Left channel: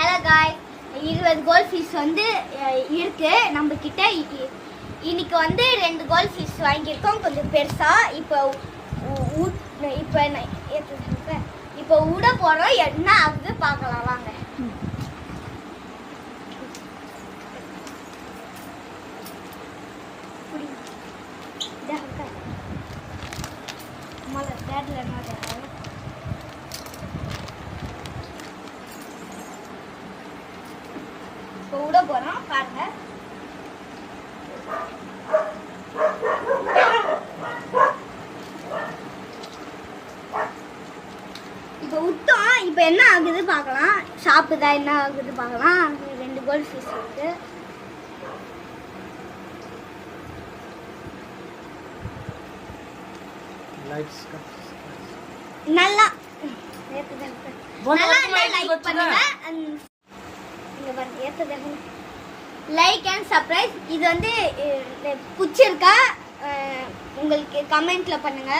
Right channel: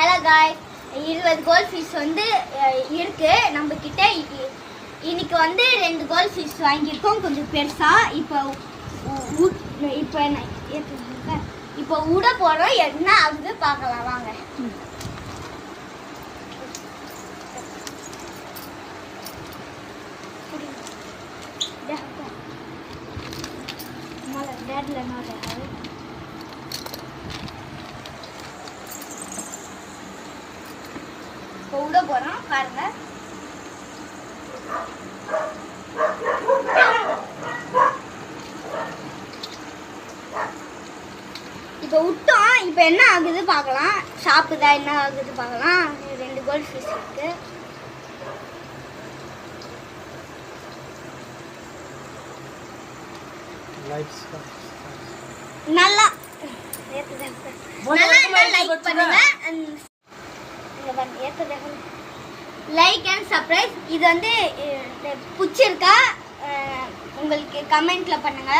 Hello guys, 20 gold fish வந்து இருக்கு நம்ம கிட்ட. இன்னைக்கு வந்து 2 கோல்ட் ஃபிஷ் வாங்கியிருக்கோம், கொஞ்சம் பெருசா. இப்போ விட போறோம், என்ன ஆகுது பார்க்கலாம் வாங்க. விட போறோம் பாருங்க. இப்போ விட்டோம், இப்போ என்ன ஆகுது பார்க்கலாம். சாப்பிடுதா என்ன ஆகுது பார்க்கலாம். 2 கோல்ட் ஃபிஷ் இருக்கு. நல்லா லைக் பண்ணுங்க, லைக் அண்ட் சப்ஸ்கிரைப். இது வந்து பிடிச்சிருக்கா உங்களுக்கு கமெண்ட்ல பண்ணுங்க.